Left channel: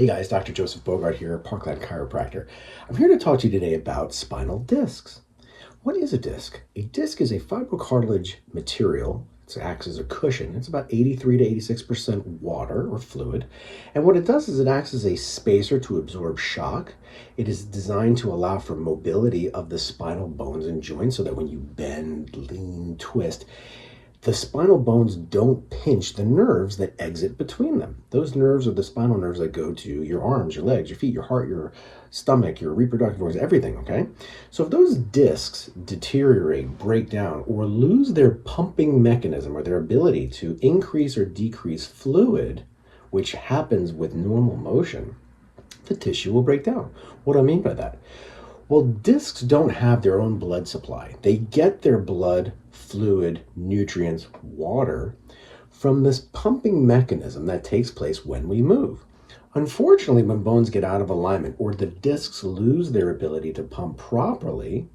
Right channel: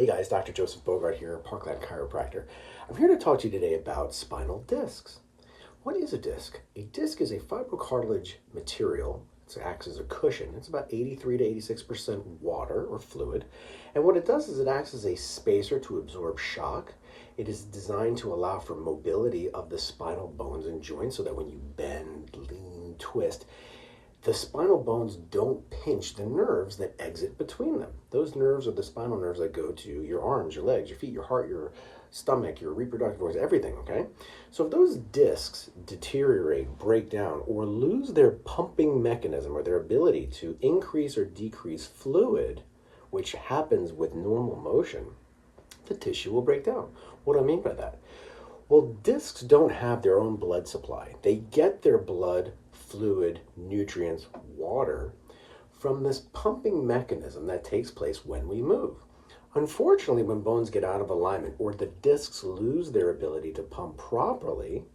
Hey guys, Dr. Joseph Bogart here, Parkland chiropractor. I'm here to talk to you today about spinal discs. What is a disc? A disc is a fibrocartilage material. It acts as a cushion. It's about 83 to 86% water or fluid. And what it does is it acts as a spacer to absorb shock. It is designed to allow for mobility of the spinal bones and joints so that when you bend, lean, twist, the spinal bones don't pinch the nerves that exit between them. Those nerves are the spinal nerves that go to your arms, your legs, your feet, your heart, your stomach, your reproductive organs, everything, okay? So if those discs deteriorate, break down, or lose their pumping mechanism or their ability to increase or decrease fluid, which happens with normal motion, the tissue will break down. What do I mean by that? Well, discs don't have their own blood supply. They get their blood, fluid, nutrients, water from this pumping mechanism that takes place when we move. Unfortunately, when bones get out of alignment or the discs lose their ability to pump properly,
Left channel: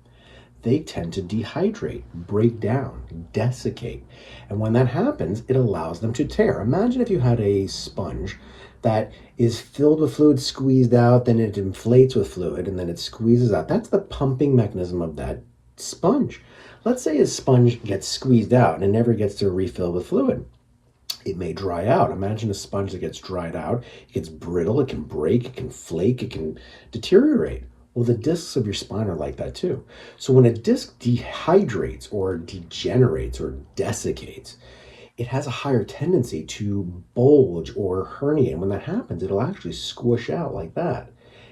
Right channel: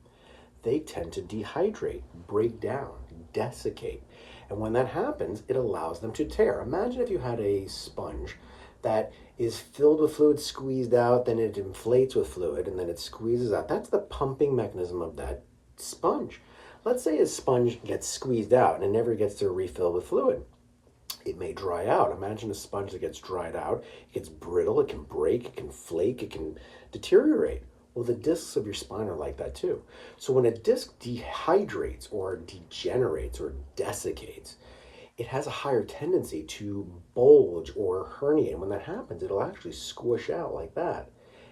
they tend to dehydrate, break down, desiccate. And when that happens, it allows them to tear. Imagine if you had a sponge that is filled with fluid, squeezed out, then it inflates with fluid, and then it squeezes out. That's the pumping mechanism of that sponge. Let's say a sponge gets squeezed out and it never gets to refill with fluid. It may dry out. Imagine a sponge that gets dried out. It gets brittle, it can break, it can flake, it can deteriorate. Well, the discs of your spine are like that too. So when a disc dehydrates or degenerates or desiccates, it has a higher tendency to bulge or herniate. And when that happens, it'll actually squish out like that.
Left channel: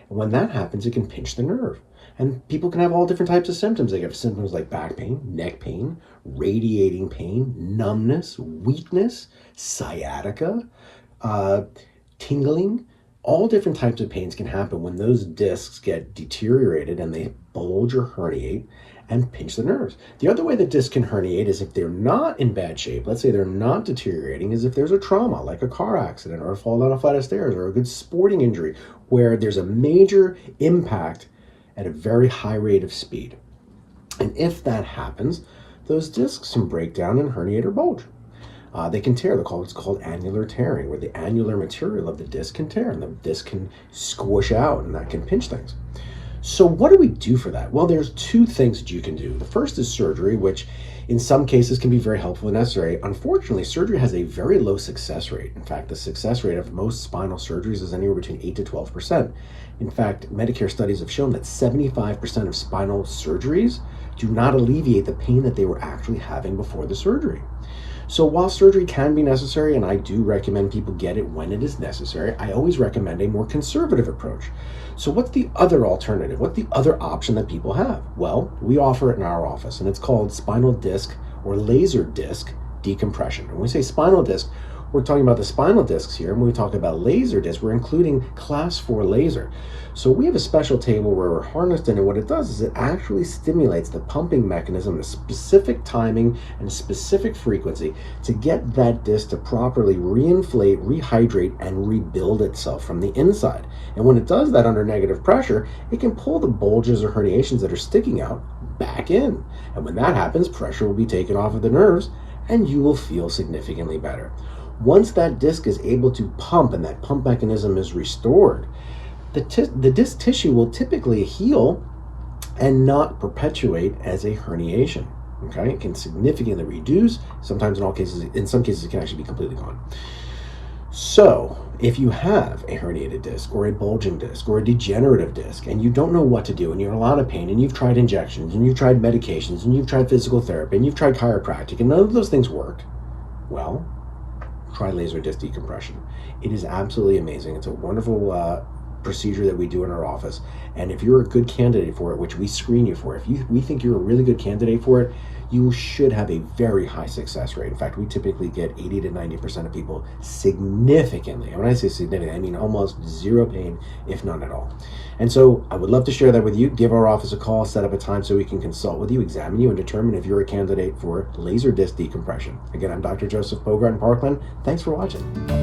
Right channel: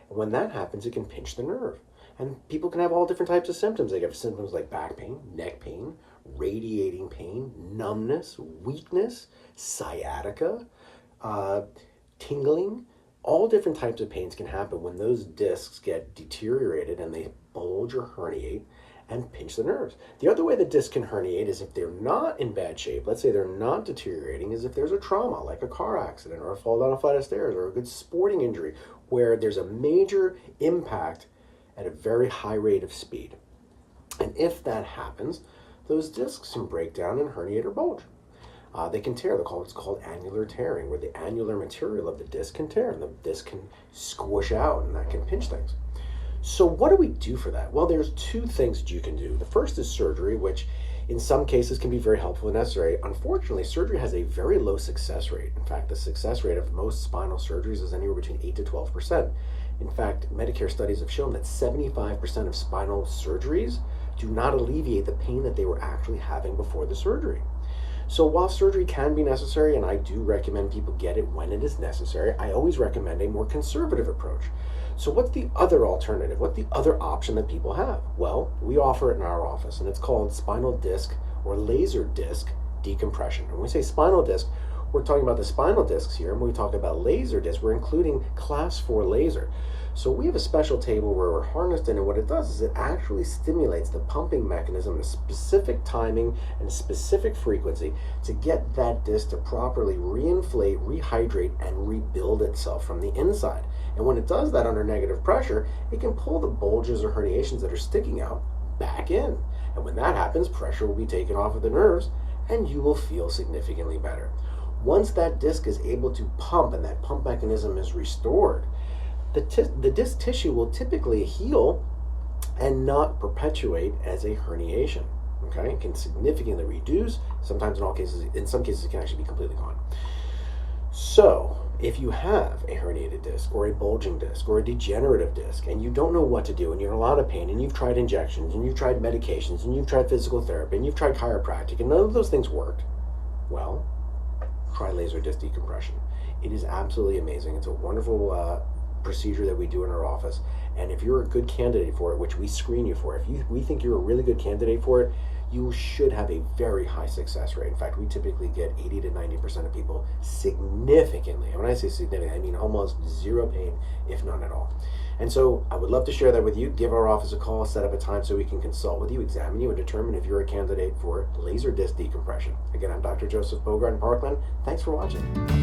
And when that happens, it can pinch the nerve. And people can have all different types of symptoms. They have symptoms like back pain, neck pain, radiating pain, numbness, weakness, sciatica, tingling. All different types of pains can happen when those discs get deteriorated and they bulge or herniate and pinch the nerves. The other way that discs can herniate is if they're not in bad shape, let's say they're not deteriorating, is if there's a trauma like a car accident or a fall down a flight of stairs or a good sporting injury where there's a major impact at a very high rate of speed. And if that happens, those discs can break down and herniate or bulge. They can tear. It's called annular tearing, where the annular material of the disc can tear and the disc can squish out and that can pinch things. So what do we do for that? Well, there's two things that you can do. The first is surgery, which in some cases can be very helpful and necessary. Unfortunately, surgery has a very low success rate. In fact, the success rate of most spinal surgeries is anywhere between 8 to 12%. In fact, Medicare studies have shown that 75% of spinal surgeries do not alleviate the pain that they were actually having before the surgery. So while surgery can be necessary, and I do recommend people get it when it is necessary, I always recommend a more conservative approach. So what's the other alternative? What's the other option that people have? Well, we offer it in our office, and it's called spinal disc or laser disc decompression. And when we say spinal disc, we're talking about the spinal discs here, and when we talk about laser disc, we're including class 4 laser. So we have a special table where we're harnessed in, and what it does is it actually stimulates the pumping mechanism, the specific timing and specific frequency to get that disc to properly reinflate, rehydrate, and rebuild itself from the inside. And when it does that under negative pressure, it can pull the bulges or herniations that are sticking out back in. And when that happens, pressure will be taken off of the nerves, and you will feel significantly better. Once that disc is able to pump and that pump mechanism is restored, the disc tissue will typically heal and not perpetuate as a herniation. Okay, it can significantly reduce. Sometimes, in some cases, it can actually be completely gone. So, if you have a herniated disc or a bulging disc or a degenerative disc and you don't know what to do and you're in a lot of pain and you've tried injections and you've tried medications and you've tried physical therapy and you've tried chiropractic and none of those things worked, well, try laser disc decompression. It is absolutely amazing. It's a wonderful procedure that we do in our office. And if you're a good candidate for it, which we screen you for, we think you're a really good candidate for it, you should have a very high success rate. In fact, we typically get 80 to 90% of people significantly. And when I say significant, I mean almost zero pain, if none at all. And so I would love to share that with you. Give our office a call, set up a time so we can consult with you, examine you, and determine if you're a candidate for laser disc decompression. Again, I'm Dr. Joseph Bogart in Parkland. Thanks for watching.